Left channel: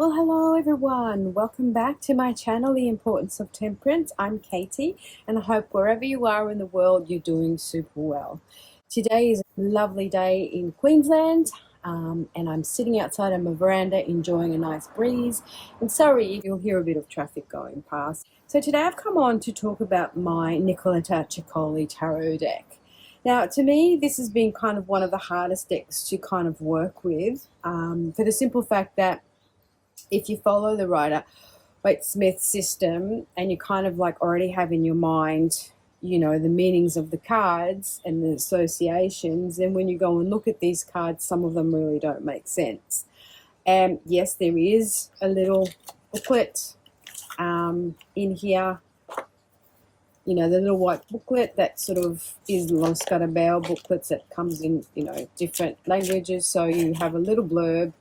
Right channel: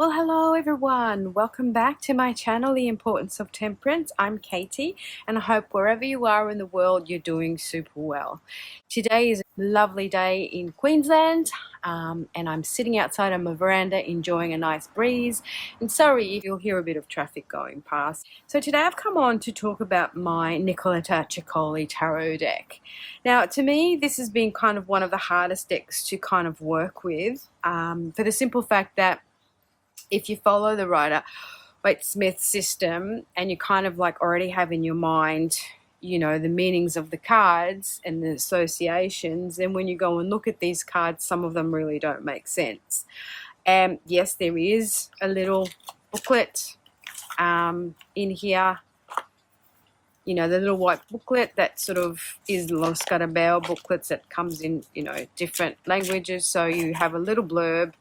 Well, hello everyone. Welcome back to my channel, The Importance of Temperance. I'm Katie, and I hope wherever you are in the world, you're doing super well. Today is a lovely day in Queensland, and I'm sitting outside on my veranda enjoying a nice breeze. And sorry if you'll hear a bit of traffic going past. So today I've come on to talk about my Nicoletta Ceccoli Tarot deck. Now, to me, this has been kind of one of the hardest decks to kind of work with, for the simple fact that if you follow the Rider-Waite-Smith system and you kind of like already have in your mind, the meanings of the cards and the associations, then when you go and look at these cards, some of them really don't make sense. And yes, there is a little booklet in here, the little white booklet that sort of is Los Carabao booklets that comes in, different languages. So you have a little blurb.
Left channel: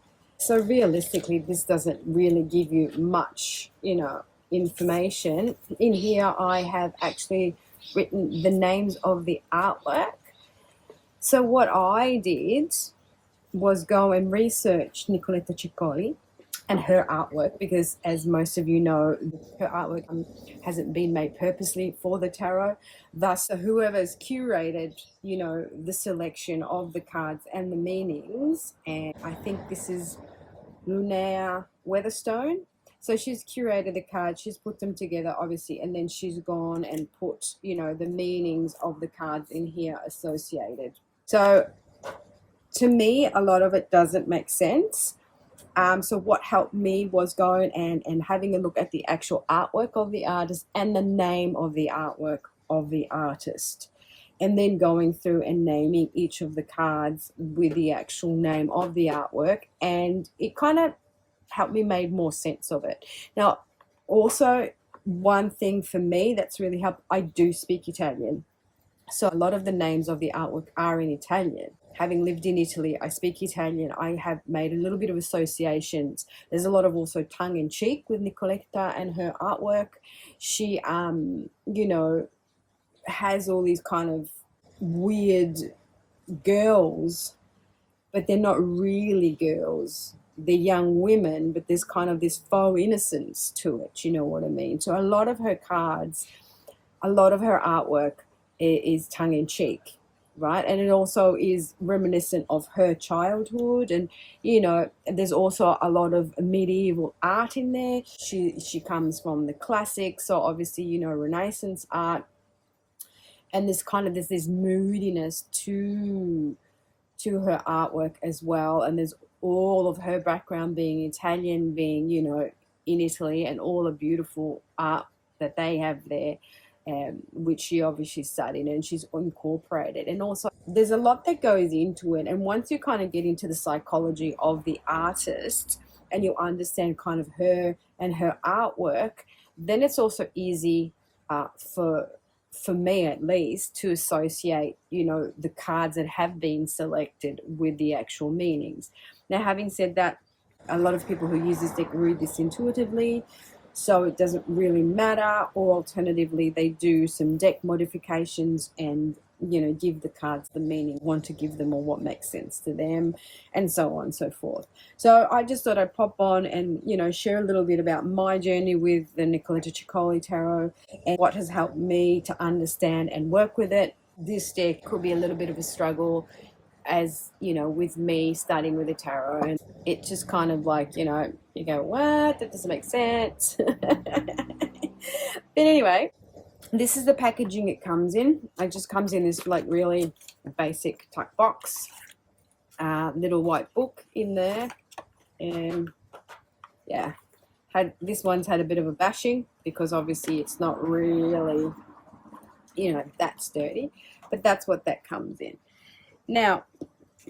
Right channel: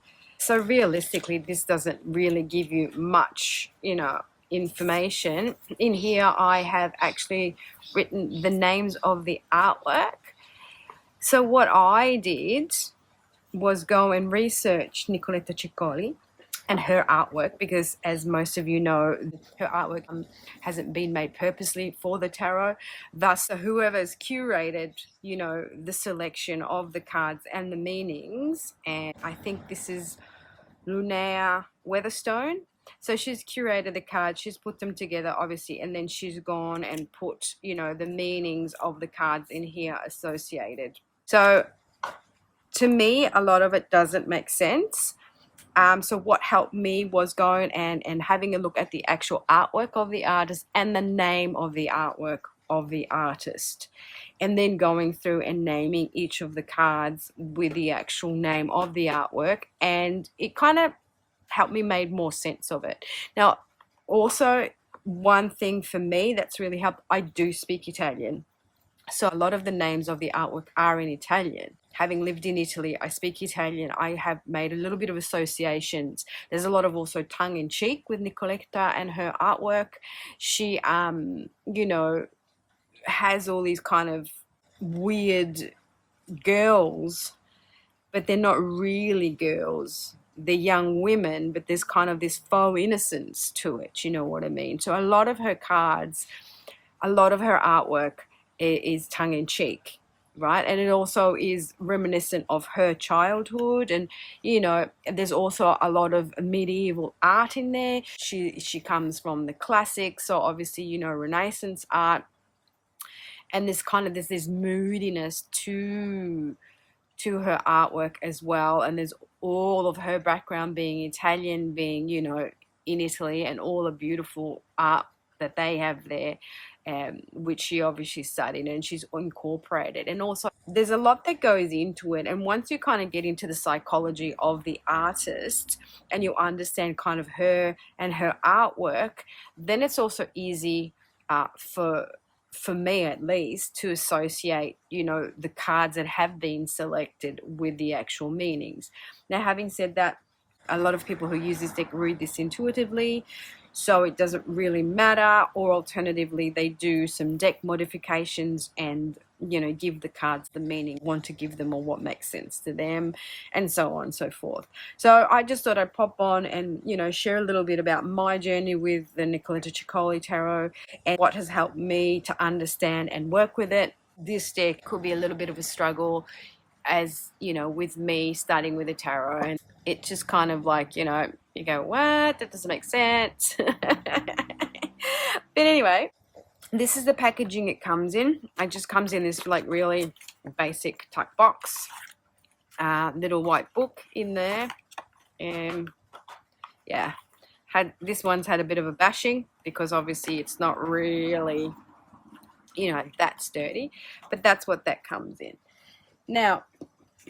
So realistically, this doesn't really give you much, information. In here, I have actually written the names of the artwork. So what I did was go and research Nicoletta Ceccoli and her artwork, because as most of you know, her artwork hasn't been made purposely for the tarot. Thus, whoever's curated, the selection of the cards and the meanings, and I think this is Lunea Weatherstone. So she's curated the cards, she's put them together, obviously, and then she's gone and put, the meanings of the cards in here associated. So to me, a lot of it doesn't make sense. So what helped me was going and having a look at the actual artwork of the artist and the name of the artwork of the artist, and then going through and naming each of the cards with the actual name of the artwork, and it kind of helped me make more sense of it. Now, also, one thing for me that's really helped, I do speak Italian. So a lot of the names of the artwork are in Italian. Having lived in Italy, I speak Italian. I have made a little bit of associations. There's a lot of also tongue-in-cheek with Nicoletta and her artwork. She, has all these kind of weird girls, but they're not really girls. They're young women, but there's kind of this faux innocence to it. You know what I mean? So a lot of her cards, a lot of her artwork is tongue-in-cheek, right? And it also is reminiscent of her childhood, and there's also a lot of medieval art in there. She comes from the classics, so obviously Renaissance art, and there's this moodiness to her artwork as well. And there's all of her background being Italian, being in Italy, and all the beautiful art that they have there, which she obviously studied and she's incorporated. And also there's a lot that goes into it, and once you kind of get into the psychology of the artist and you understand kind of her and her artwork, then it's also easy for me at least to associate the cards that have been selected with the actual meanings. Now, having said that, a lot of people who use this deck read this intuitively, so it doesn't really matter, or alternatively they do some deck modifications and give the cards the meaning want to give them, or what makes sense to them, and so on and so forth. So I just thought I'd pop on and share a little bit about my journey with the Nicoletta Ceccoli Tarot and what has helped me to understand and work with it. This deck could be a little bit of a struggle, as with me starting with a tarot, and it just kind of like you go, what, that doesn't make sense. But anyway, this is the packaging it comes in. It just comes in this like really basic tuck box, little white book in there, and yeah, this one's had a bit of a bashing because obviously it's not really that sturdy, but that's what that comes in. Now,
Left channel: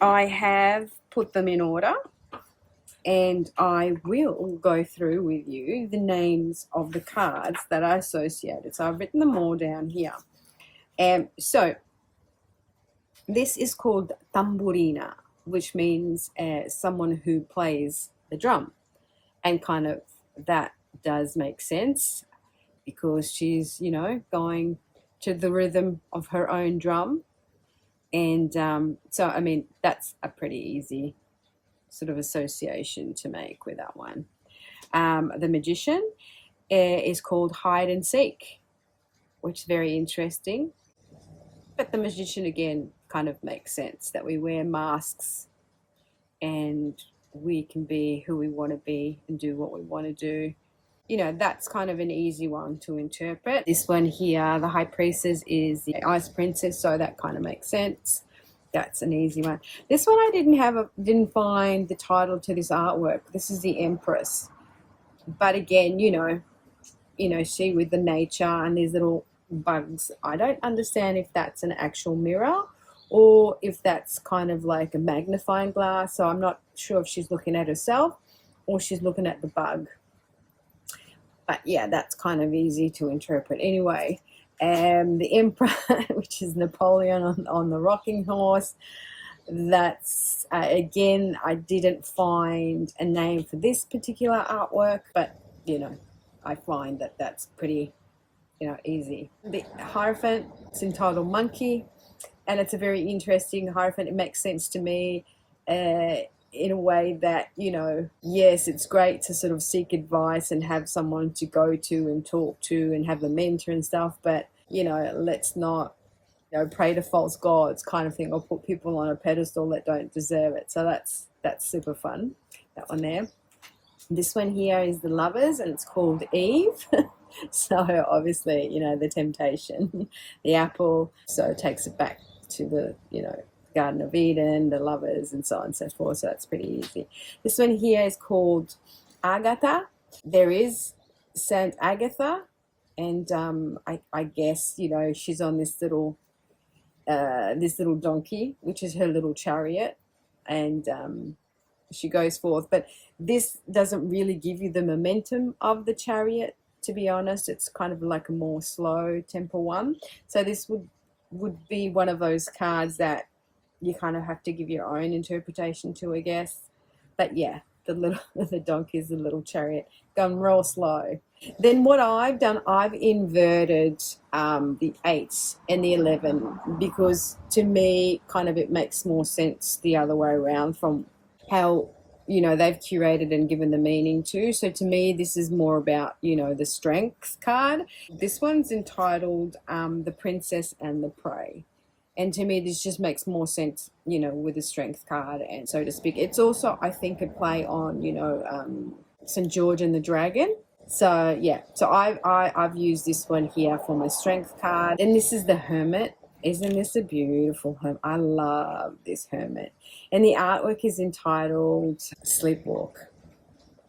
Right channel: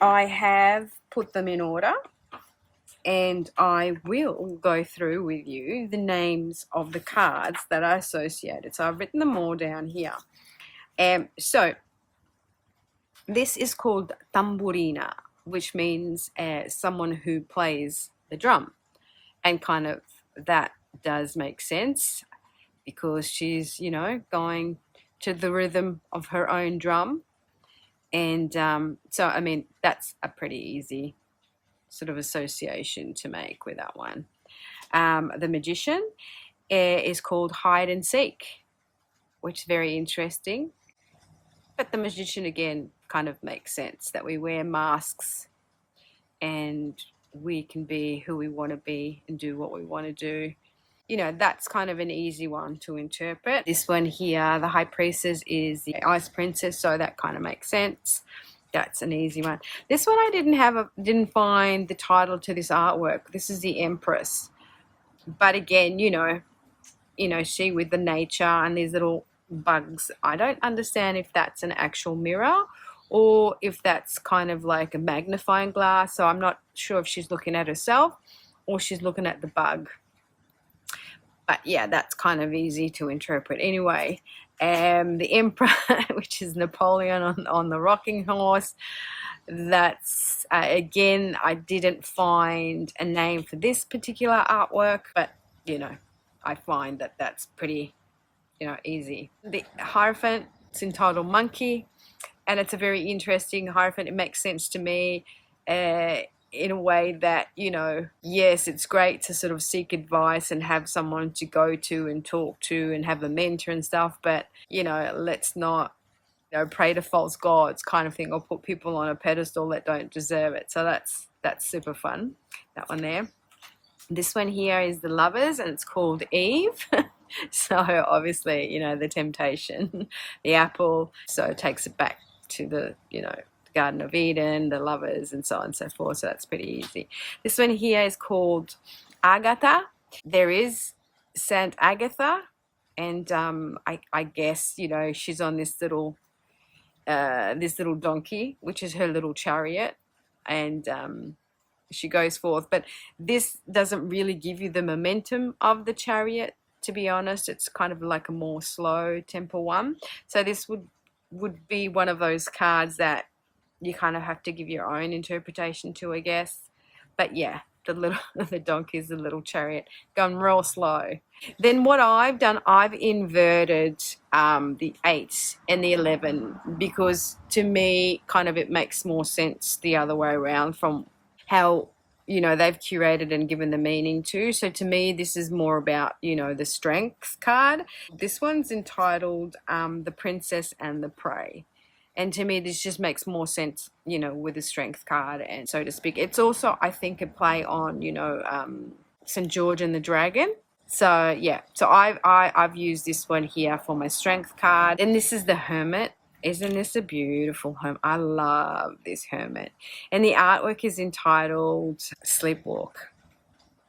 I have put them in order, and I will go through with you the names of the cards that are associated. So I've written them all down here. So this is called tamburina, which means someone who plays the drum. And kind of that does make sense because she's, going to the rhythm of her own drum. And so, I mean, that's a pretty easy sort of association to make with that one. The Magician is called Hide and Seek, which is very interesting. But the Magician, again, kind of makes sense that we wear masks and we can be who we want to be and do what we want to do. You know, that's kind of an easy one to interpret. This one here, the High Priestess, is the Ice Princess, so that kind of makes sense. That's an easy one. This one I didn't find the title to this artwork. This is the Empress. But again, you know, she with the nature and these little bugs. I don't understand if that's an actual mirror or if that's kind of like a magnifying glass. So I'm not sure if she's looking at herself or she's looking at the bug. But yeah, that's kind of easy to interpret. Anyway, the Emperor, which is Napoleon on the rocking horse, that's, again, I didn't find a name for this particular artwork, but, you know, I find that that's pretty, you know, easy. The Hierophant, it's entitled Monkey, and it's a very interesting Hierophant. It makes sense to me in a way that, you know, yes, it's great to sort of seek advice and have someone to go to and talk to and have a mentor and stuff, but, you know, let's not, you know, pray to false gods kind of thing, or put people on a pedestal that don't deserve it. So that's super fun, that one there. This one here is the Lovers, and it's called Eve. So obviously, you know, the temptation, the apple, so it takes it back to the, you know, Garden of Eden, the lovers, and so on and so forth. So that's pretty easy. This one here is called Agatha. There is Saint Agatha, and I guess, you know, she's on this little donkey, which is her little chariot, and she goes forth. But this doesn't really give you the momentum of the chariot, to be honest. It's kind of like a more slow tempo one. So this would be one of those cards that you kind of have to give your own interpretation to, I guess. But yeah, the donkey is the little chariot going real slow. Then what I've done, I've inverted the 8 and the 11, because to me, kind of, it makes more sense the other way around from how, you know, they've curated and given the meaning to. So to me, this is more about, you know, the Strength card. This one's entitled The Princess and the Prey. And to me, this just makes more sense, you know, with the Strength card, and so to speak. It's also, I think, a play on, you know, St. George and the Dragon. So yeah, so I've used this one here for my Strength card. And this is the Hermit. Isn't this a beautiful hermit? I love this hermit. And the artwork is entitled Sleepwalk.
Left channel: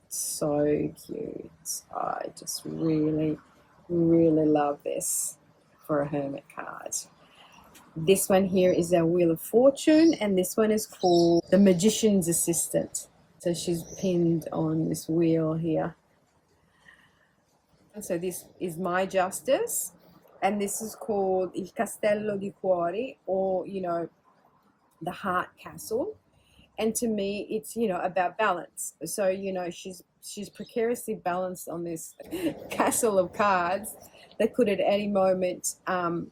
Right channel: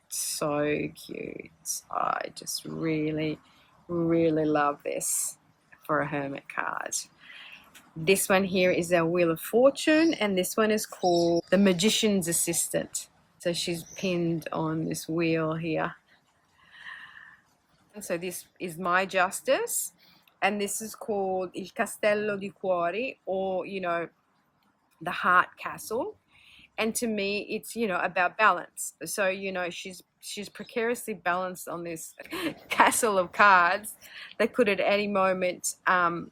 So cute. I just really, really love this for a hermit card. This one here is our Wheel of Fortune, and this one is called The Magician's Assistant. So she's pinned on this wheel here. And so this is My Justice, and this is called Il Castello di Cuori, or, you know, the Heart Castle. And to me, it's, you know, about balance. So, you know, she's precariously balanced on this castle of cards that could at any moment come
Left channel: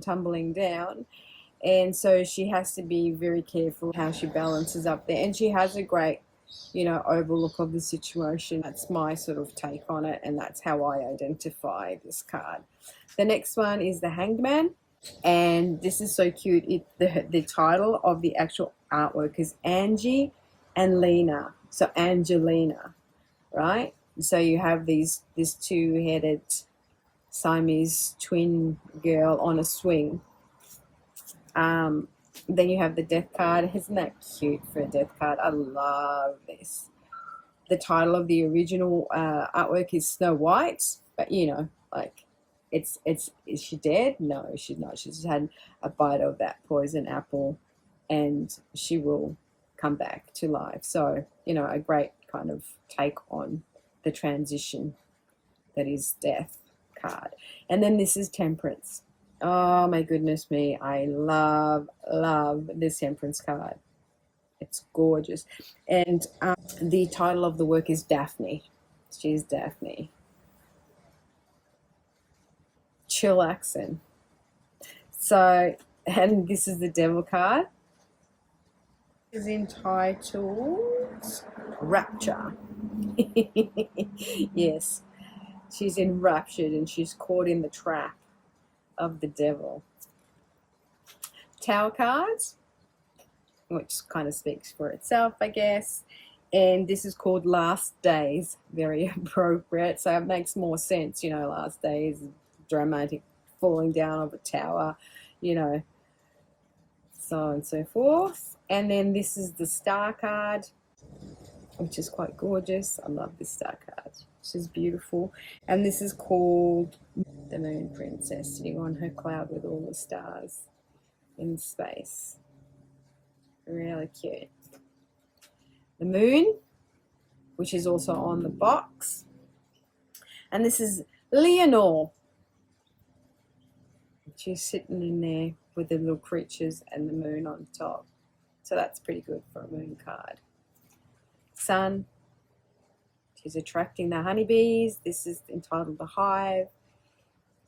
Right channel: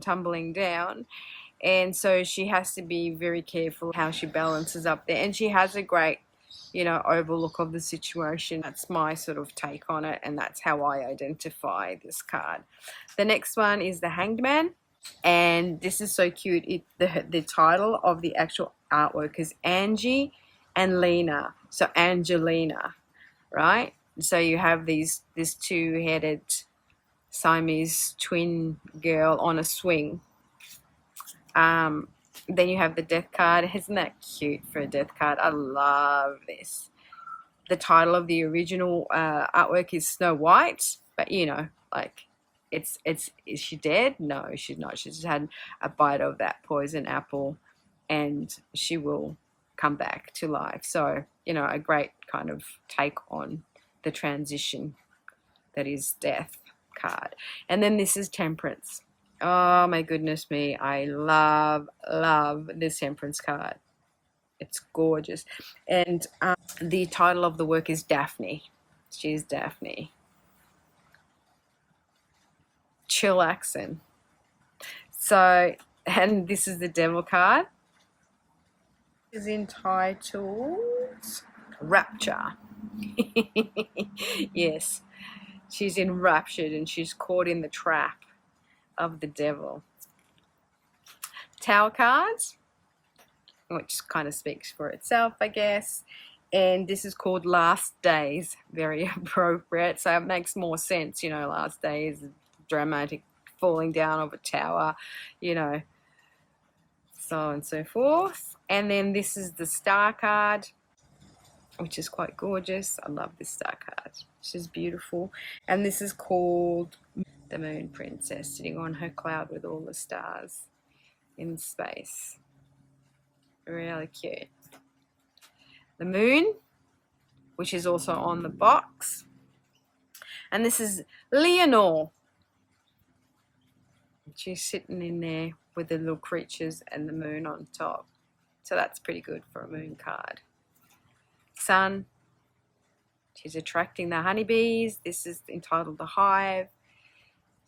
tumbling down, and so she has to be very careful how she balances up there. And she has a great, you know, overlook of the situation. That's my sort of take on it, and that's how I identify this card. The next one is the Hanged Man, and this is so cute. The title of the actual artwork is Angie and Lena, so Angelina, right? So you have this two-headed Siamese twin girl on a swing. Then you have the Death card. Isn't that cute for a Death card? I love this. The title of the original artwork is Snow White, but, you know, like, is she dead? No, she's not. She's just had a bite of that poison apple, and she will come back to life. So, you know, a great kind of take on the transition that is death card. And then this is Temperance. Oh my goodness me, I love this Temperance card. It's gorgeous. And the title of the work is Daphne. She's Daphne. Chillaxin. So, and this is the Devil card. Is entitled Rapture. Yes, she's enraptured and she's caught in the trap of the devil. Tower cards, which kind of speaks for itself, I guess. And this is called Last Days. Very appropriate. So it makes more sense, you know, last days, dramatic falling down of a tower, you know, so on and so forth. And then this is the Star card, which is quite gorgeous. I love this Star card. She's beautiful. And this is called the Moon Princess, sitting on her cloud with all the stars in space. Really cute. The moon, which is also on the box. And this is Leonore. She's sitting in there with the little creatures and the moon on top. So that's pretty good for a moon card. Sun, she's attracting the honeybees. This is entitled The Hive.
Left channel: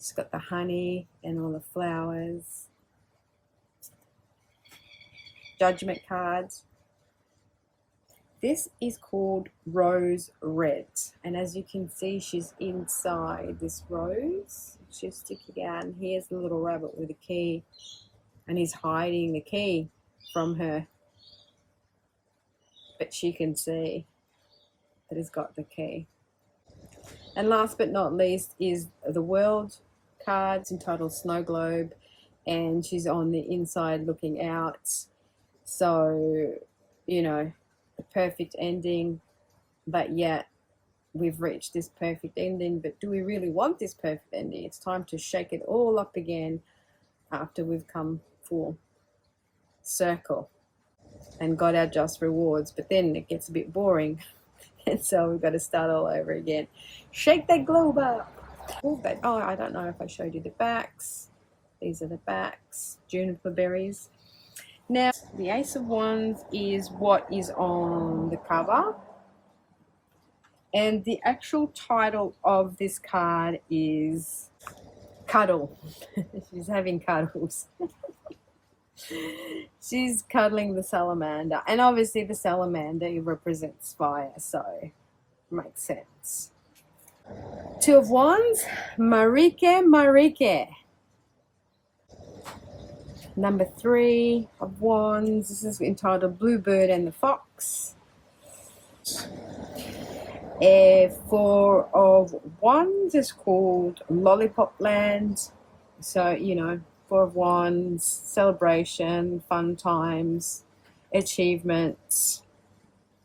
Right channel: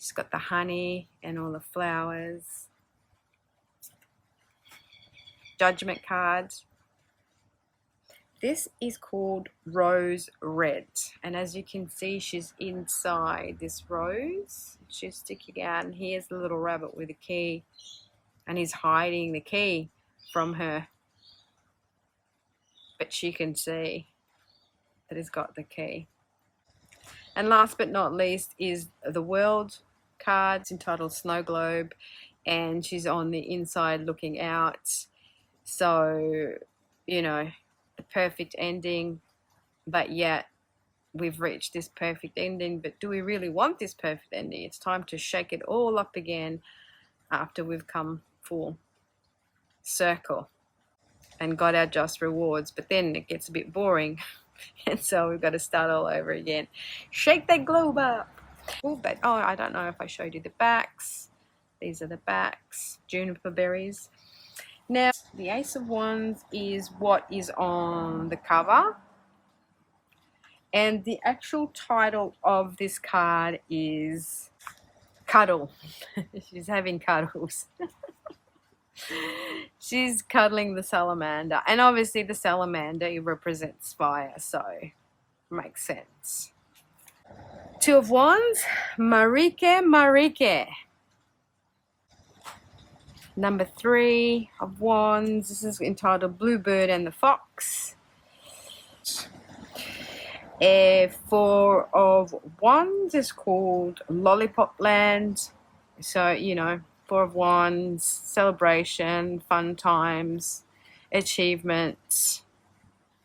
She's got the honey and all the flowers. Judgment cards. This is called Rose Red. And as you can see, she's inside this rose. She's sticking out. And here's the little rabbit with the key. And he's hiding the key from her. But she can see that he's got the key. And last but not least is the World card. It's entitled Snow Globe. And she's on the inside looking out. So, you know, the perfect ending, but yet we've reached this perfect ending. But do we really want this perfect ending? It's time to shake it all up again after we've come full circle and got our just rewards. But then it gets a bit boring, and so we've got to start all over again. Shake that globe up. Oh, but I don't know if I showed you the backs. These are the backs. Juniper berries. Now, the Ace of Wands is what is on the cover. And the actual title of this card is Cuddle. She's having cuddles. She's cuddling the salamander. And obviously the salamander represents fire, so makes sense. Two of Wands, Marike. Number 3 of Wands. This is entitled Bluebird and the Fox. 4 of Wands is called Lollipop Land. So, you know, 4 of Wands, celebration, fun times, achievements,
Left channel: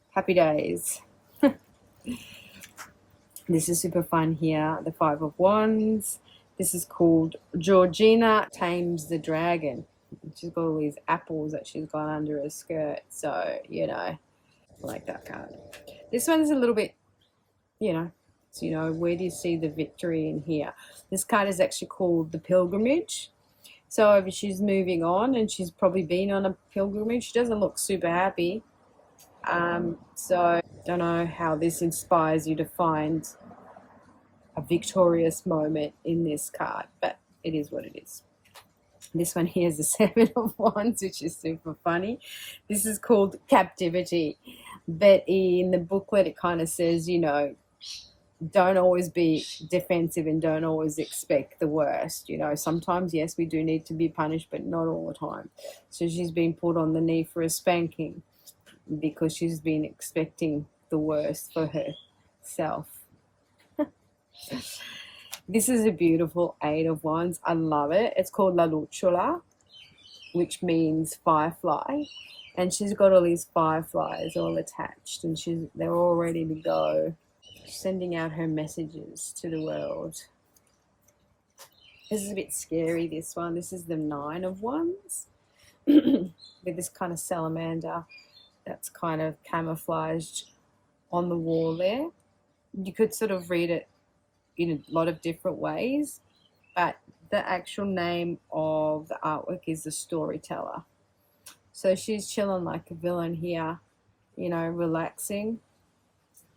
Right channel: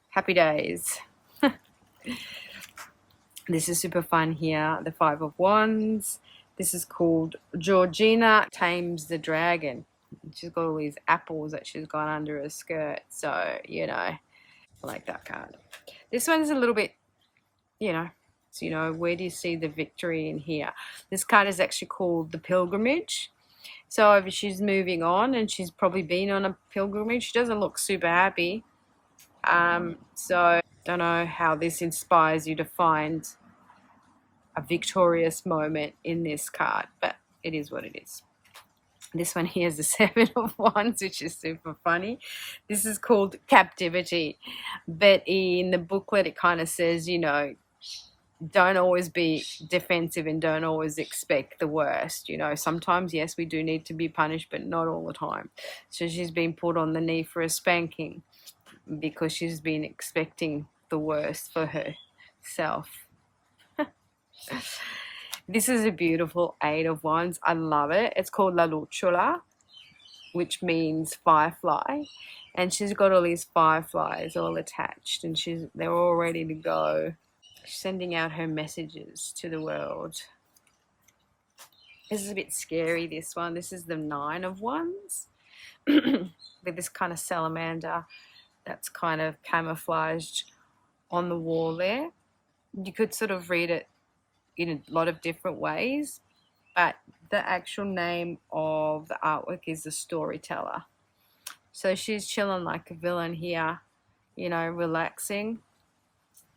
happy days. This is super fun here. The 5 of Wands. This is called Georgina Tames the Dragon. She's got all these apples that she's got under her skirt. So, you know, I like that card. This one's a little bit, you know, so, you know, where do you see the victory in here? This card is actually called the Pilgrimage. So if she's moving on, and she's probably been on a pilgrimage, she doesn't look super happy. So I don't know how this inspires you to find a victorious moment in this card, but it is what it is. This one here is the 7 of Wands, which is super funny. This is called Captivity. But in the booklet, it kind of says, you know, don't always be defensive and don't always expect the worst. You know, sometimes, yes, we do need to be punished, but not all the time. So she's been put on the knee for a spanking because she's been expecting the worst for herself. This is a beautiful 8 of Wands. I love it. It's called La Luciola, which means firefly. And she's got all these fireflies all attached, and they're all ready to go. She's sending out her messages to the world. This is a bit scary, this one. This is the 9 of Wands with this kind of salamander that's kind of camouflaged on the wall there. You could sort of read it in a lot of different ways, but the actual name of the artwork is the Storyteller. So she's chilling like a villain here, you know, relaxing.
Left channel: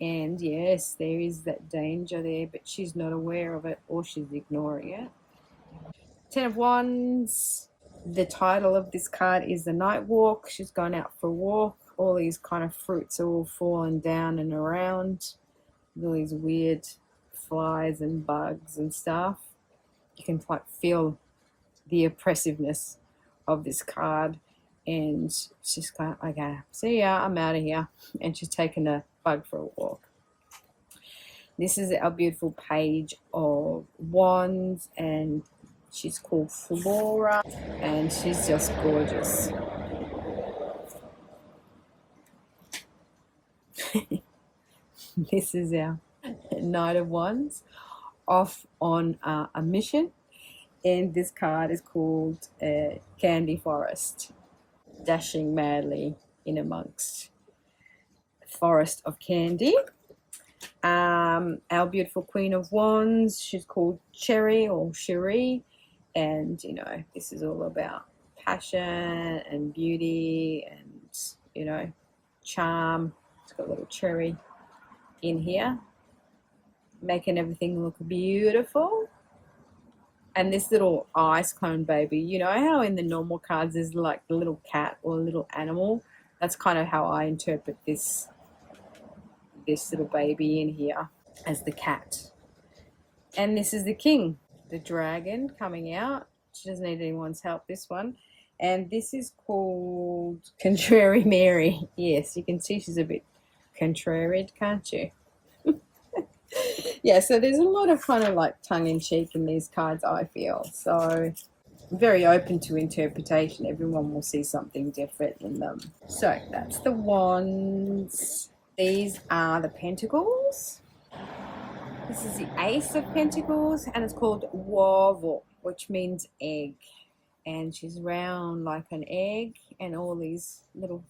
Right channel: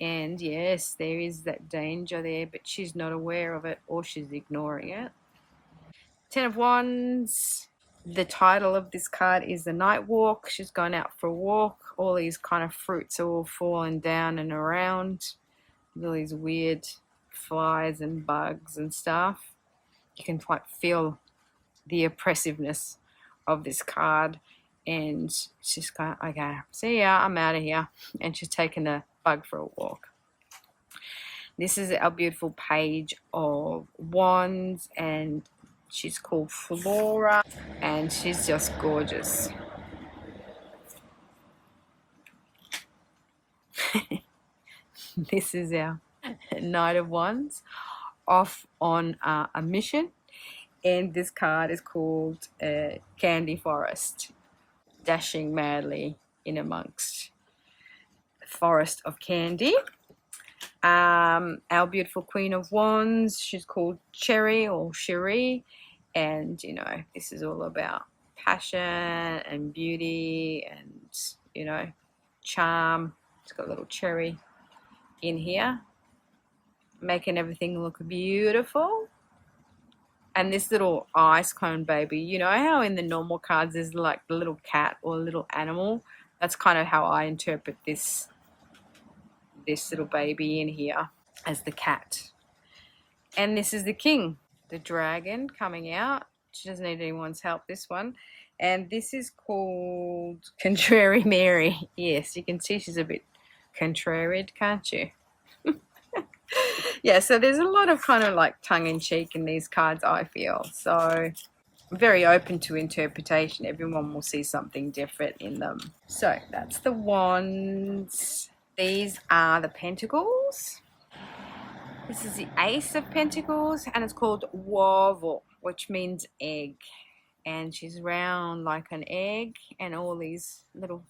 And yes, there is that danger there, but she's not aware of it, or she's ignoring it. 10 of Wands. The title of this card is The Night Walk. She's gone out for a walk. All these kind of fruits are all falling down and around. All these weird flies and bugs and stuff. You can quite feel the oppressiveness of this card. And she's going, okay, see ya, I'm out of here. And she's taken a bug for a walk. This is our beautiful Page of Wands, and she's called Flora, and she's just gorgeous. This is our Knight of Wands off on a mission, and this card is called Candy Forest, dashing madly in amongst a forest of candy. Our beautiful Queen of Wands, she's called Cherry or Cherie, and you know, this is all about passion and beauty and, you know, charm. It's got a little cherry in here, making everything look beautiful. And this little ice cone baby, you know how in the normal cards there's like the little cat or little animal? That's kind of how I interpret this little baby in here as the cat. And this is the king, the dragon coming out. She doesn't need anyone's help, this one. And this is called Contrary Mary. Yes, you can see she's a bit contraried, can't you? Yeah, so there's a lot of kind of like tongue-in-cheek in these cards, I feel. So very open to interpretation. Everyone will see something different in them. So that's the Wands. These are the Pentacles. This is the Ace of Pentacles, and it's called Wavel, which means egg. And she's round like an egg, and all these little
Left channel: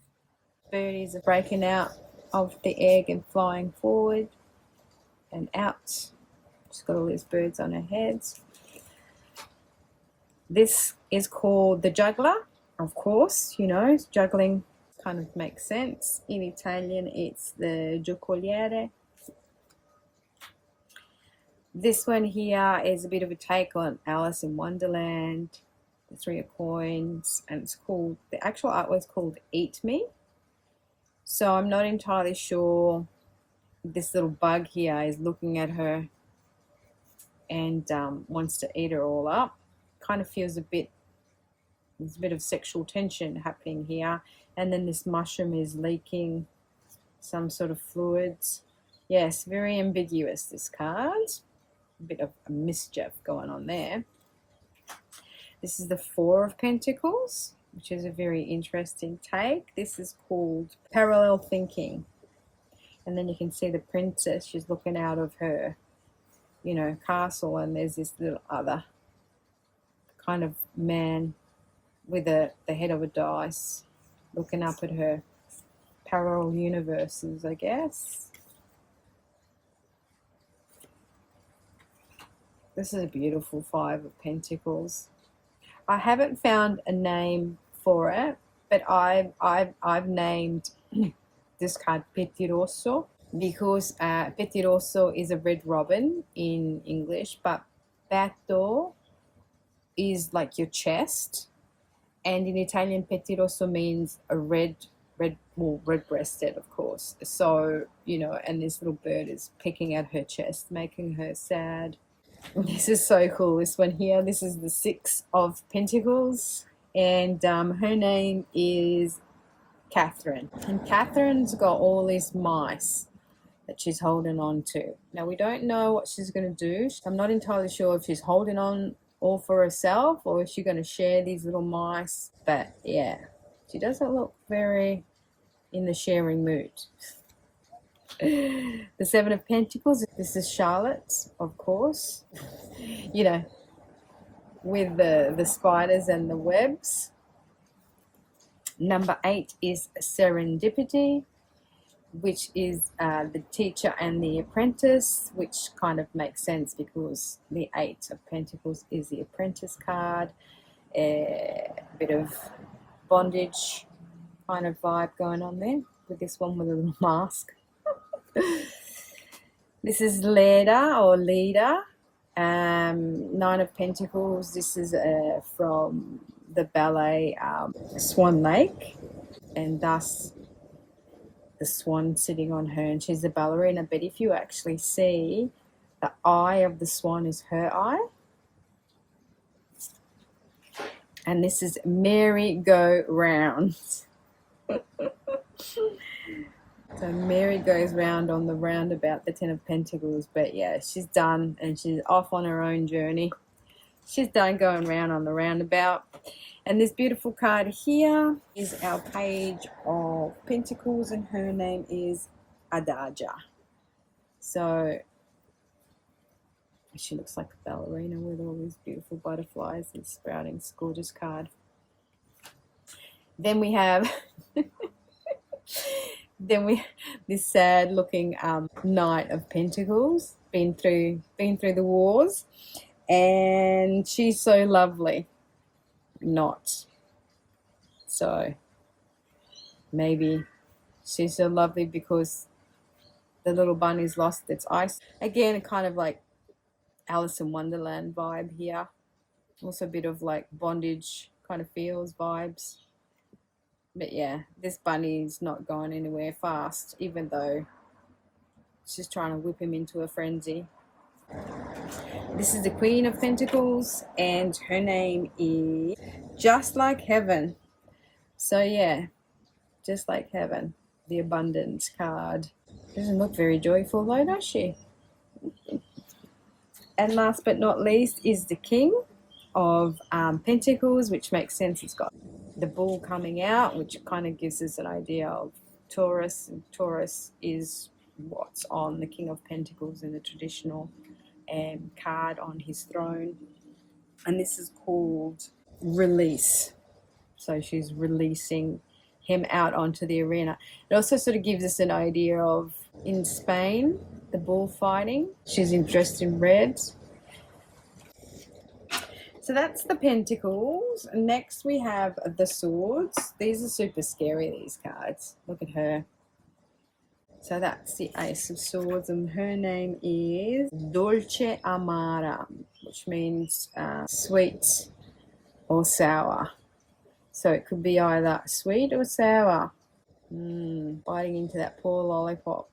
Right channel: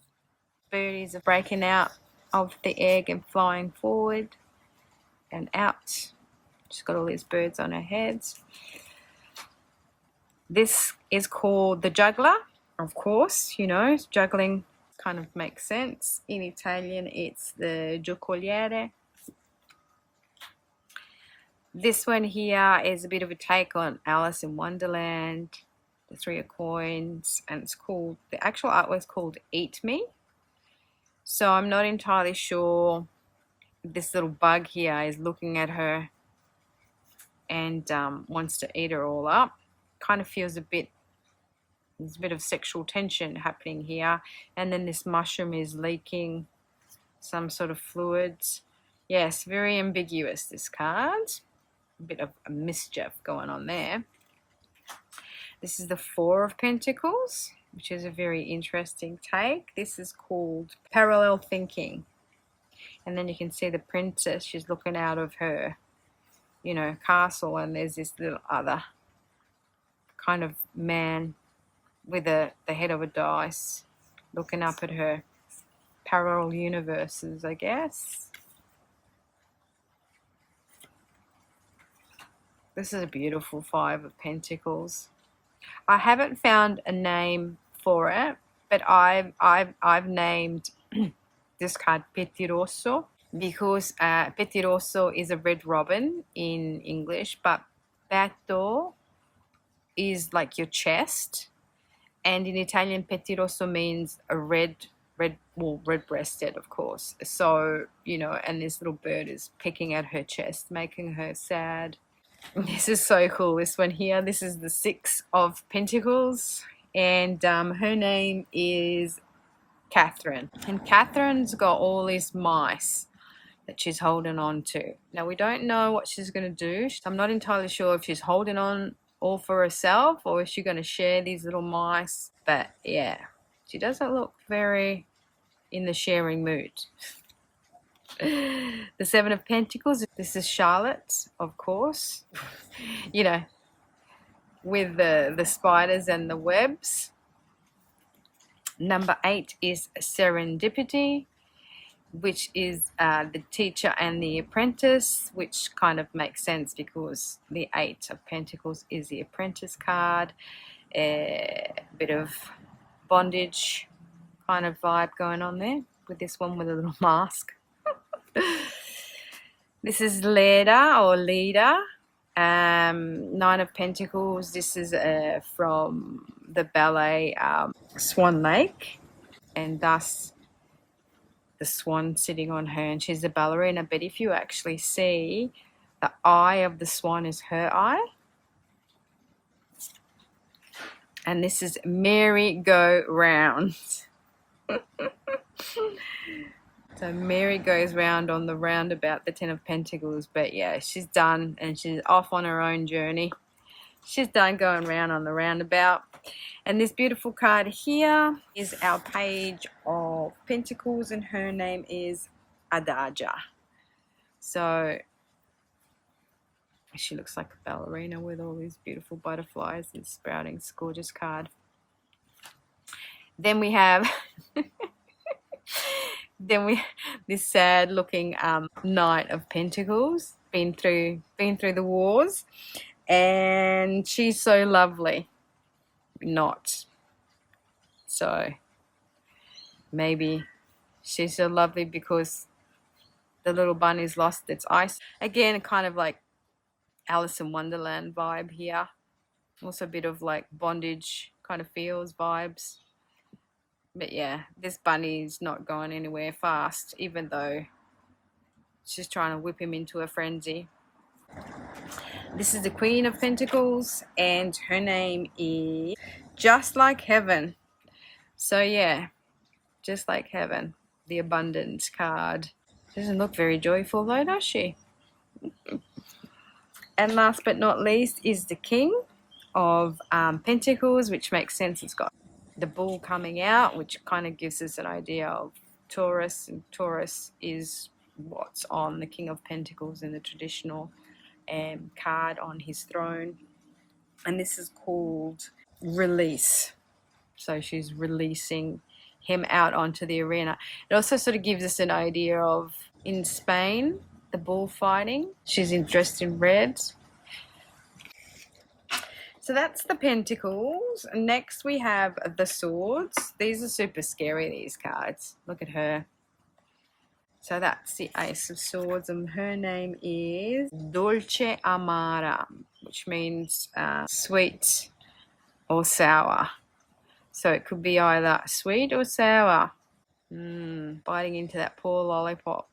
birdies are breaking out of the egg and flying forward and out. She's got all these birds on her head. This is called the Juggler, of course, you know, juggling kind of makes sense. In Italian, it's the giocoliere. This one here is a bit of a take on Alice in Wonderland, the Three of Coins, and it's called, the actual artwork is called Eat Me. So I'm not entirely sure this little bug here is looking at her and wants to eat her all up. Kind of feels there's a bit of sexual tension happening here. And then this mushroom is leaking some sort of fluids. Yes, very ambiguous, this card. A bit of a mischief going on there. This is the Four of Pentacles, which is a very interesting take. This is called Parallel Thinking. And then you can see the princess, she's looking out of her, you know, castle, and there's this little other kind of man with the head of a dice looking up at her. Parallel universes, I guess. This is a beautiful Five of Pentacles. I haven't found a name for it, but I've named this card Petiroso because Petiroso is a red robin in English, but petto is like your chest, and in Italian Petiroso means a red-breasted, of course. So, you know, and this little bird is picking at her chest, making her sad. This is so cool, this one here. This is the Six of Pentacles, and her name is Catherine. And Catherine's got all these mice that she's holding on to. Now, we don't know what she's going to do. I'm not entirely sure if she's holding on all for herself or if she's going to share these little mice. But yeah, she doesn't look very in the sharing mood. The Seven of Pentacles, this is Charlotte, of course, you know, with the spiders and the webs. Number 8 is Serendipity, which is the teacher and the apprentice, which kind of makes sense because the 8 of Pentacles is the apprentice card. A bit of bondage kind of vibe going on there with this one with a little mask. This is Leda or Leader, Nine of Pentacles. This is from the ballet Swan Lake, and thus the swan sitting on her, and she's a ballerina. But if you actually see, the eye of the swan is her eye. And this is merry-go-round. So Mary goes round on the roundabout, the Ten of Pentacles. But yeah, she's done, and she's off on her own journey. She's done going round on the roundabout. And this beautiful card here is our Page of Pentacles, and her name is Adaja. So she looks like a ballerina with all these beautiful butterflies and sprouting. It's a gorgeous card. Then we have this sad looking Knight of Pentacles, been through the wars, and she's so lovely. Not so, maybe she's so lovely because the little bunny's lost its eyes. Again, kind of like Alice in Wonderland vibe here. Also a bit of like bondage kind of feels vibes. But yeah, this bunny's not going anywhere fast, even though she's trying to whip him into a frenzy. This is the Queen of Pentacles, and her name is Just Like Heaven. So yeah, just like heaven, the abundance card. Doesn't look very joyful though, does she? And last but not least is the King of Pentacles, which makes sense. He's got the bull coming out, which kind of gives us an idea of Taurus, and Taurus is what's on the King of Pentacles in the traditional card on his throne. And this is called Release. So she's releasing him out onto the arena. It also sort of gives us an idea of, in Spain, the bullfighting. She's dressed in red. So that's the Pentacles. Next we have the Swords. These are super scary, these cards. Look at her. So that's the Ace of Swords, and her name is Dolce Amara, which means sweet or sour. So it could be either sweet or sour. Biting into that poor lollipop.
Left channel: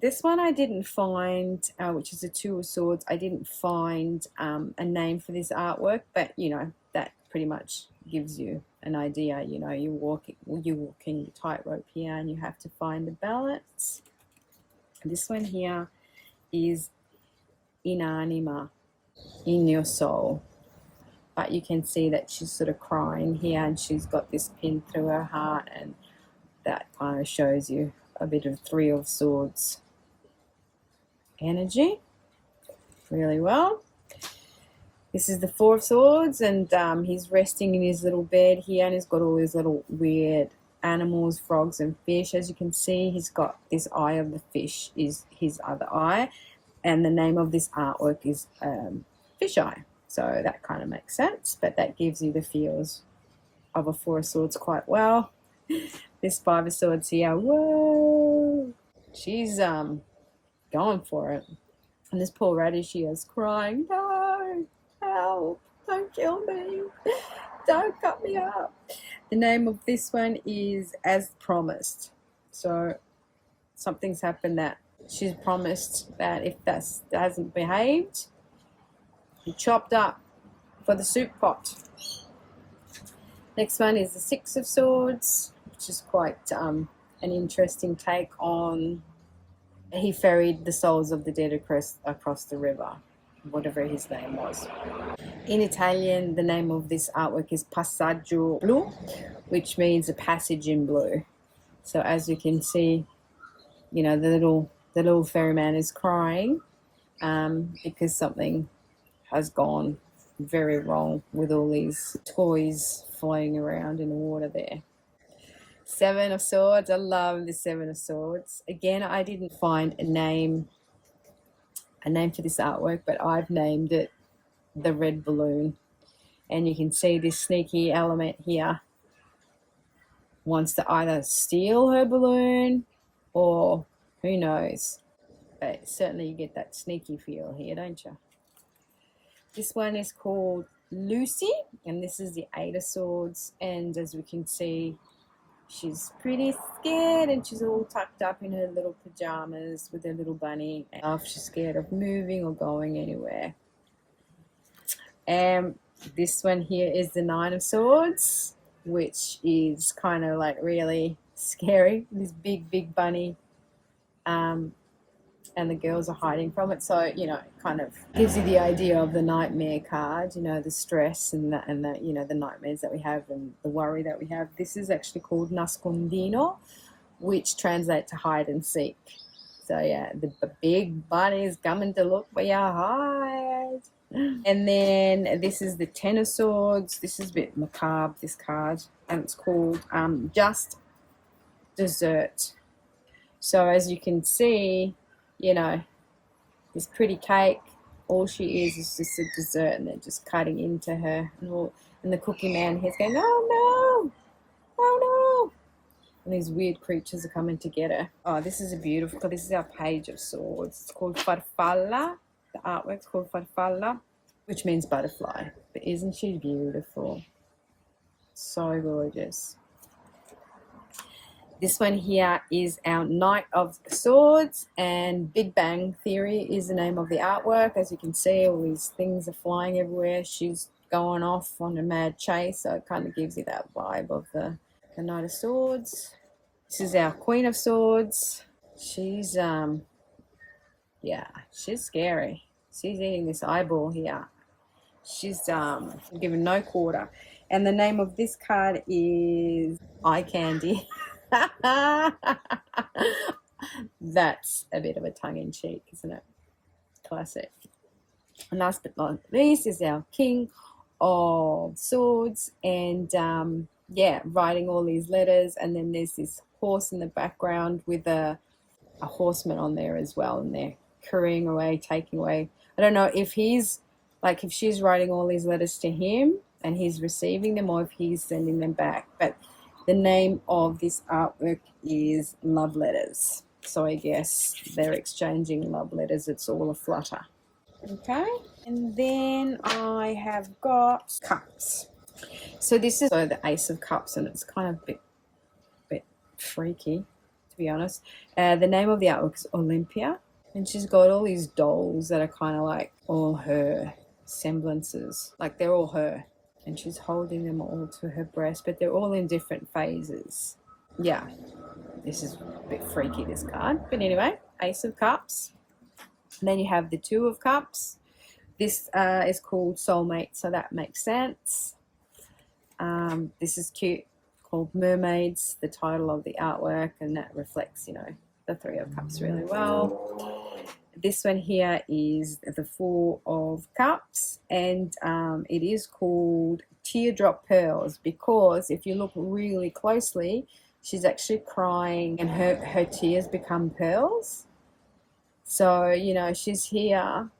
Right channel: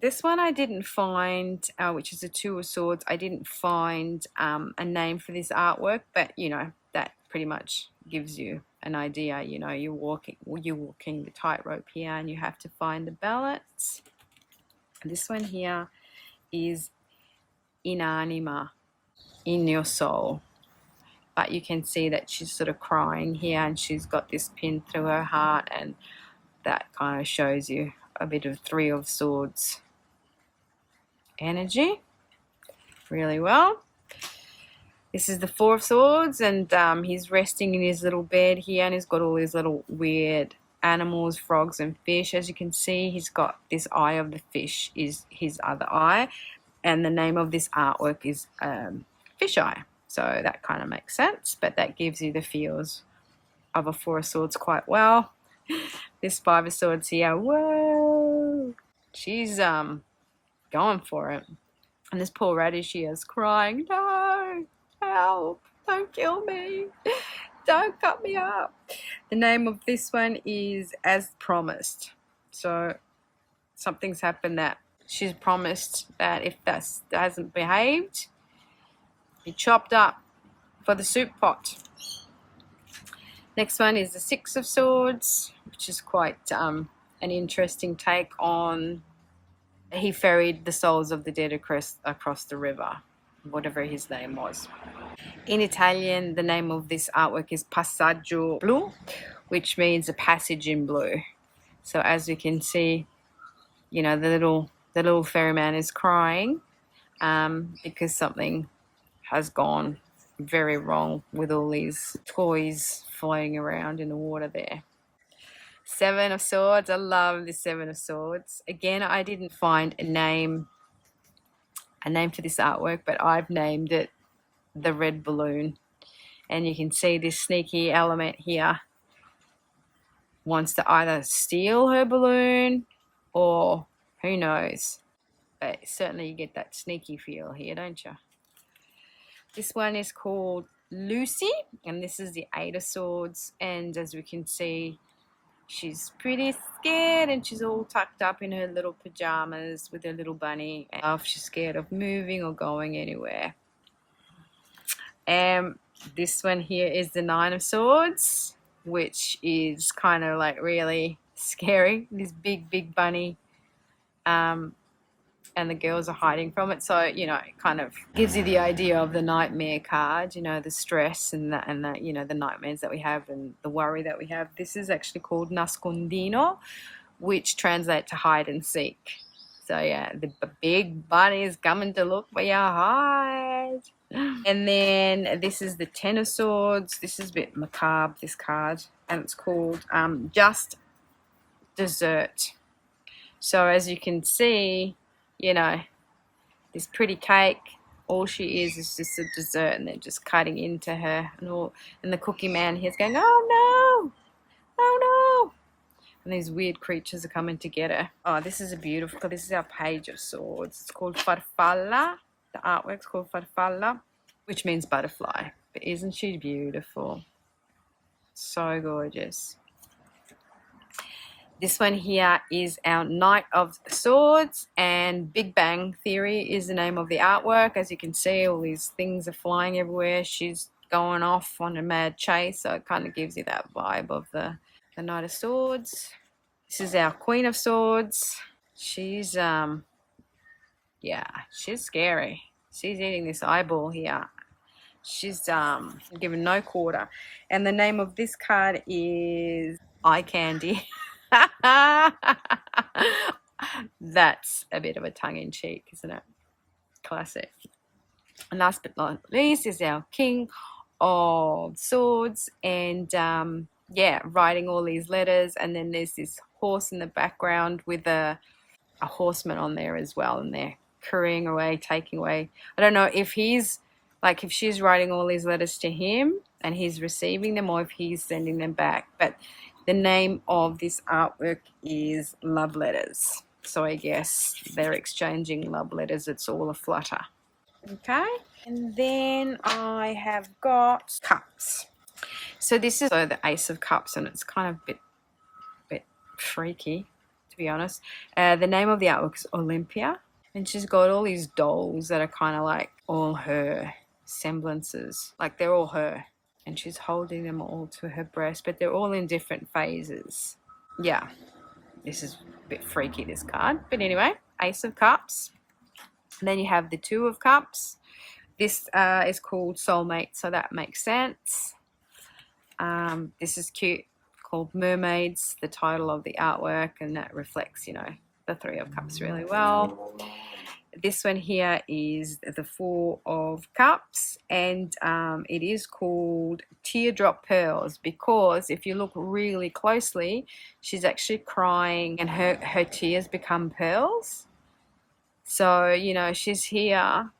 This one I didn't find, which is a Two of Swords. I didn't find a name for this artwork, but you know, that pretty much gives you an idea. You know, you're walking the tightrope here, and you have to find the balance. And this one here is in anima, in your soul. But you can see that she's sort of crying here, and she's got this pin through her heart, and that kind of shows you a bit of Three of Swords energy really well. This is the Four of Swords, and he's resting in his little bed here, and he's got all these little weird animals, frogs and fish. As you can see, he's got this eye of the fish is his other eye, and the name of this artwork is Fish Eye. So that kind of makes sense, but that gives you the feels of a Four of Swords quite well. This Five of Swords here, whoa, she's going for it. And this poor radish here is crying, no, help, don't kill me, don't cut me up. The name of this one is As Promised. So something's happened that she's promised that if that hasn't behaved, be chopped up for the soup pot. Next one is the Six of Swords, which is quite an interesting take on, he ferried the souls of the dead across the river, whatever his name was. In Italian, the name of this artwork is Passaggio Blu, which means a passage in blue. So as you can see, you know, the little ferryman is crying because something has gone very wrong with all these toys floating around in the water there. Seven of Swords. I love the Seven of Swords. Again, I didn't find a name for this artwork, but I've named it the Red Balloon. And you can see this sneaky element here wants to either steal her balloon or Who knows? But certainly you get that sneaky feel here, don't you? This one is called Lucy, and this is the Eight of Swords. And as we can see, she's pretty scared, and she's all tucked up in her little pajamas with her little bunny. And she's scared of moving or going anywhere. This one here is the Nine of Swords, which is kind of like really scary. This big bunny. And the girls are hiding from it, so you know, it kind of gives you the idea of the nightmare card, you know, the stress and the you know, the nightmares that we have and the worry that we have. This is actually called nascondino, which translates to hide and seek. So yeah, the big bunny is coming to look where you hide. And then this is the Ten of Swords. This is a bit macabre, this card, and it's called Just Dessert. So as you can see, you know, this pretty cake, all she is just a dessert, and they're just cutting into her, and the cookie man here's going, oh no, oh no, and these weird creatures are coming to get her. Oh, this is a beautiful, this is our Page of Swords. It's called farfalla. The artwork's called farfalla, which means butterfly. But isn't she beautiful? So gorgeous. This one here is our Knight of Swords, and Big Bang Theory is the name of the artwork. As you can see, all these things are flying everywhere. She's going off on a mad chase, so it kind of gives you that vibe of the Knight of Swords. This is our Queen of Swords. She's, yeah, she's scary. She's eating this eyeball here. She's given no quarter. And the name of this card is Eye Candy. That's a bit of a tongue-in-cheek, isn't it? Classic. And last but not least is our King of Swords, and yeah, writing all these letters, and then there's this horse in the background with a horseman on there as well, and they're carrying away, taking away. I don't know if he's like, if she's writing all these letters to him and he's receiving them, or if he's sending them back, but the name of this artwork is Love Letters. So I guess they're exchanging love letters. It's all a flutter. Okay. And then I have got Cups. So this is the Ace of Cups, and it's kind of a bit freaky, to be honest. The name of the artwork is Olympia. And she's got all these dolls that are kind of like all her semblances. Like they're all her. And she's holding them all to her breast, but they're all in different phases. Yeah, this is a bit freaky, this card. But anyway, Ace of Cups. And then you have the Two of Cups. This is called Soulmate, so that makes sense. This is cute, called Mermaids, the title of the artwork, and that reflects, you know, the Three of Cups really well. This one here is the Four of Cups, and it is called Teardrop Pearls, because if you look really closely, she's actually crying and her tears become pearls. So, you know, she's here,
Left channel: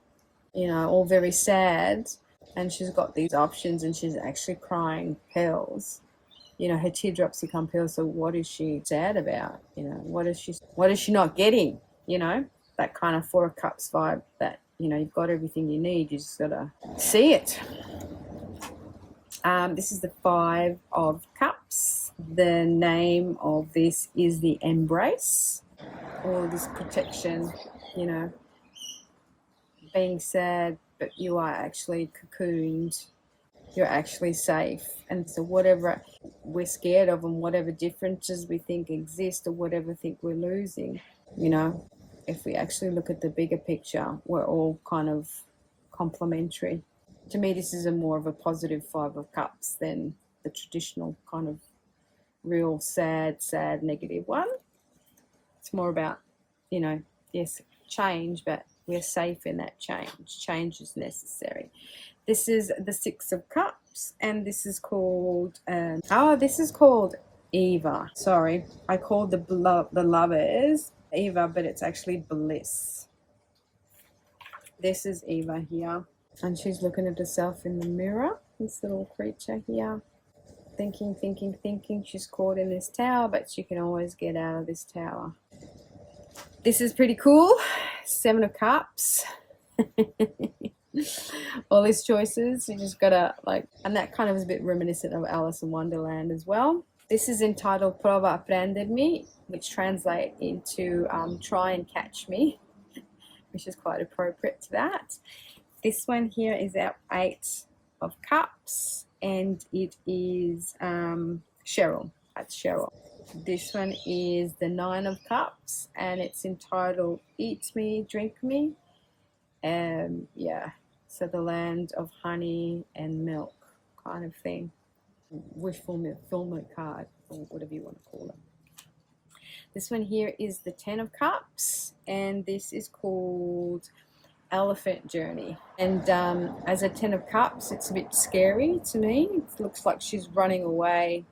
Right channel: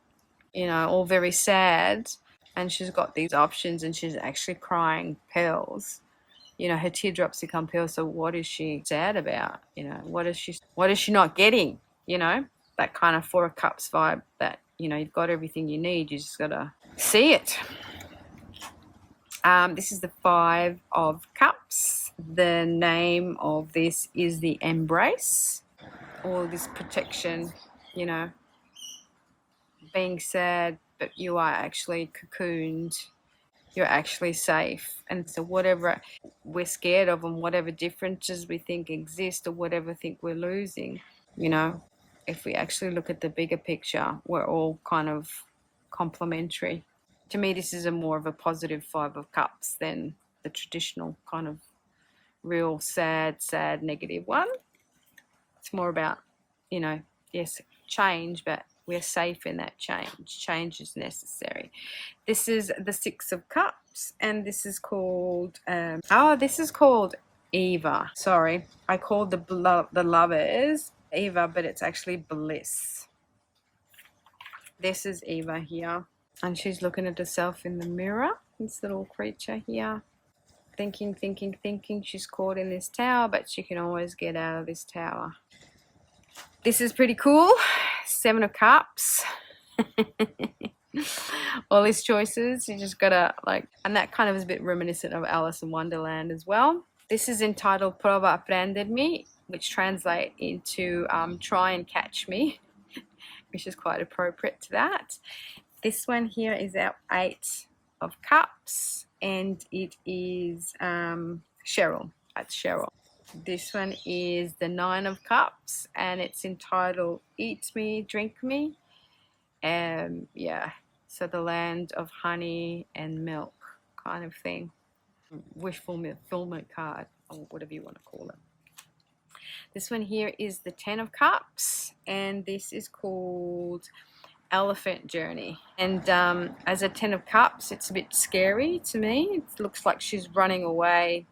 you know, all very sad, and she's got these options, and she's actually crying pearls. You know, her teardrops become pearls. So what is she sad about? You know, what is she not getting? You know, that kind of Four of Cups vibe, that, you know, you've got everything you need, you just gotta see it. This is the Five of Cups. The name of this is the Embrace, or this protection, you know, being sad, but you are actually cocooned, you're actually safe. And so whatever we're scared of, and whatever differences we think exist, or whatever think we're losing, you know, if we actually look at the bigger picture, we're all kind of complementary. To me, this is more of a positive Five of Cups than the traditional kind of real sad, negative one. It's more about, you know, yes, change, but we're safe in that change. Change is necessary. This is the Six of Cups, and this is called, this is called Eva. Sorry, I called the Lovers Eva, but it's actually Bliss. This is Eva here, and she's looking at herself in the mirror, this little creature here, thinking. She's caught in this tower, but she can always get out of this tower. This is pretty cool. 7 of Cups. All these choices, you just gotta like, and that kind of is a bit reminiscent of Alice in Wonderland as well. This is entitled Prova a prendermi, which translate into try and catch me, which is quite appropriate to that. This one here is our 8 of Cups, and it is Cheryl. That's Cheryl. This one is the 9 of Cups, and it's entitled Eat Me, Drink Me. Yeah, so the land of honey and milk kind of thing. Wish fulfillment card, or whatever you want to call it. This one here is the 10 of Cups, and this is called Elephant Journey. And as a 10 of Cups, it's a bit scary to me. It looks like she's running away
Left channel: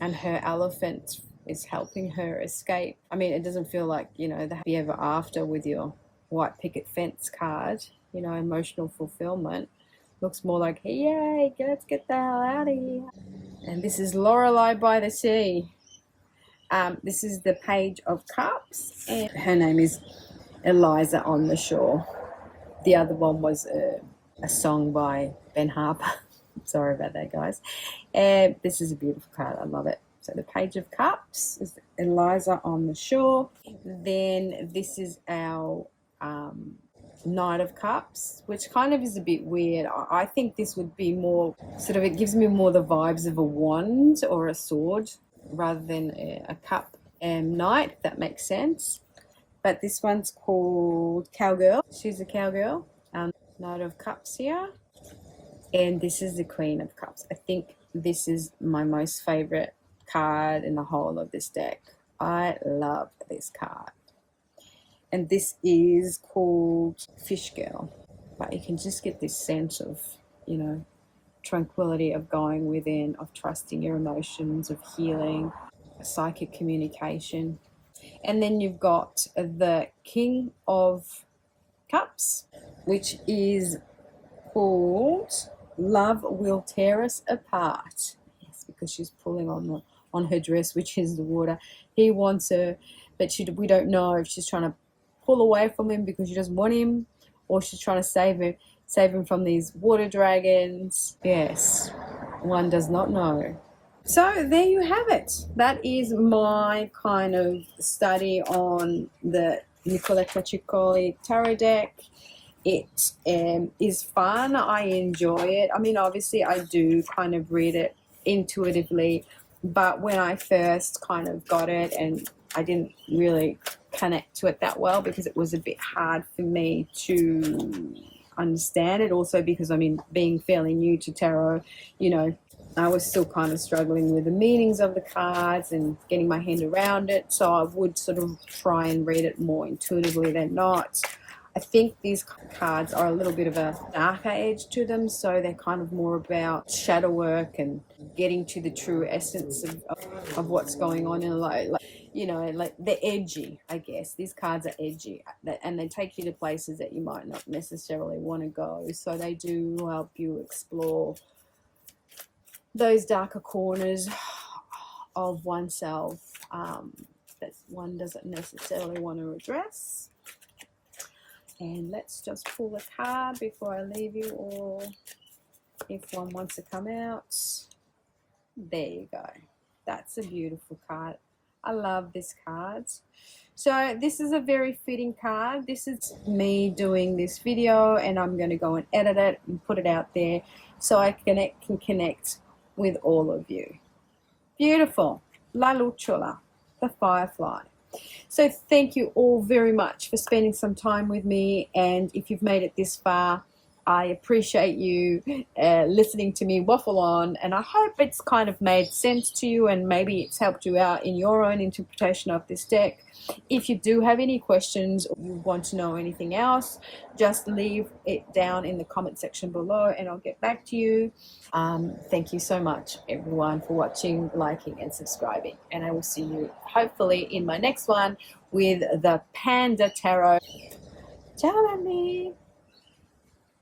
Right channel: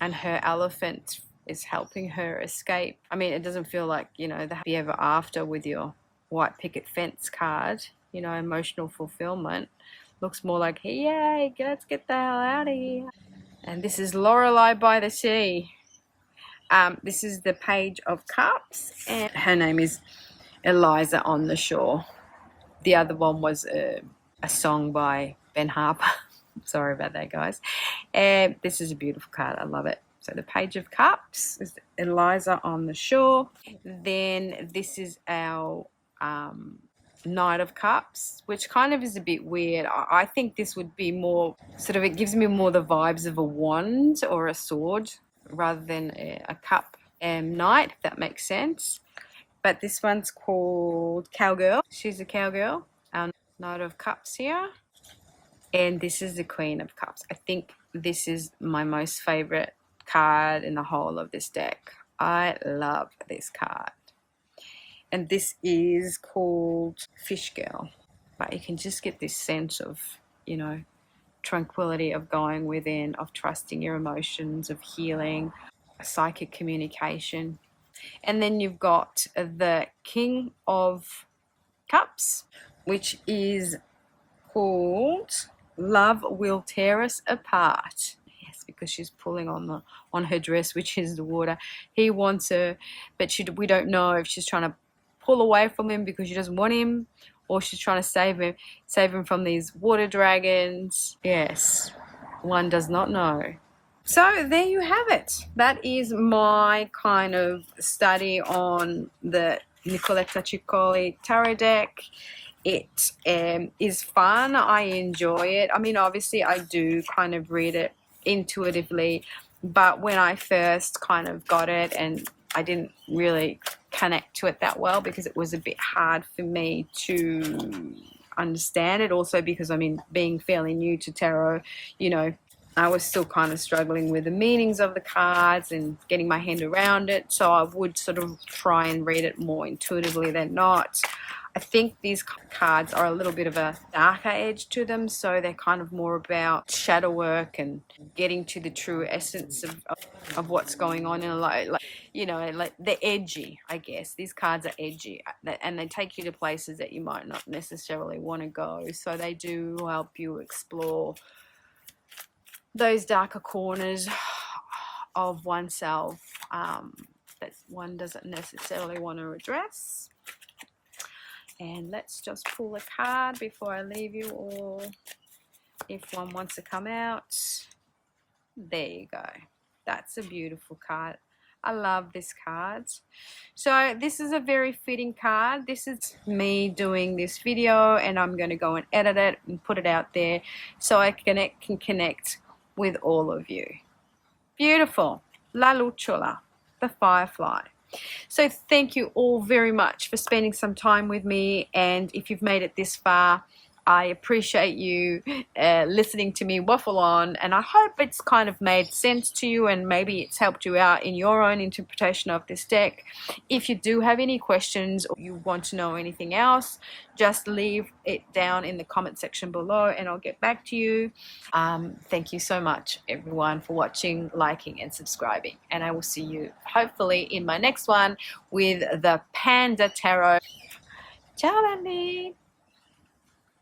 and her elephant is helping her escape. I mean, it doesn't feel like, you know, the happy ever after with your white picket fence card, you know, emotional fulfillment. Looks more like, hey, yay, let's get the hell out of here. And this is Lorelei by the sea. This is the Page of Cups, and her name is Eliza on the Shore. The other one was a song by Ben Harper. Sorry about that, guys. And this is a beautiful card. I love it. So the Page of Cups is Eliza on the Shore. Then this is our Knight of Cups, which kind of is a bit weird. I think this would be more sort of, it gives me more the vibes of a wand or a sword rather than a cup and knight, if that makes sense. But this one's called Cowgirl. She's a cowgirl. Our Knight of Cups here. And this is the Queen of Cups. I think this is my most favorite card in the whole of this deck. I love this card. And this is called Fish Girl. But you can just get this sense of, you know, tranquility, of going within, of trusting your emotions, of healing, psychic communication. And then you've got the King of Cups, which is called Love Will Tear Us Apart. Yes, because she's pulling on her dress, which is the water. He wants her, but we don't know if she's trying to pull away from him because she doesn't want him, or she's trying to save him from these water dragons. Yes, one does not know. So there you have it. That is my kind of study on the Nicoletta Ceccoli Tarot deck. It is fun. I enjoy it. I mean, obviously I do kind of read it intuitively, but when I first kind of got it, and I didn't really connect to it that well because it was a bit hard for me to understand it. Also because, I mean, being fairly new to tarot, you know, I was still kind of struggling with the meanings of the cards and getting my hand around it. So I would sort of try and read it more intuitively than not. I think these cards are a little bit of a darker edge to them, so they're kind of more about shadow work and getting to the true essence of what's going on in life. Like, you know, like they're edgy, I guess. These cards are edgy, and they take you to places that you might not necessarily want to go. So they do help you explore those darker corners of oneself that one doesn't necessarily want to address. And let's just pull a card before I leave you all, if one wants to come out. There you go. That's a beautiful card. I love this card. So this is a very fitting card. This is me doing this video, and I'm going to go and edit it and put it out there so I can connect with all of you. Beautiful. La Lucciola, the Firefly. So thank you all very much for spending some time with me, and if you've made it this far, I appreciate you listening to me waffle on, and I hope it's kind of made sense to you and maybe it's helped you out in your own interpretation of this deck. If you do have any questions or you want to know anything else, just leave it down in the comment section below and I'll get back to you. Thank you so much, everyone, for watching, liking and subscribing, and I will see you hopefully in my next one with the Panda Tarot. Ciao, Andy.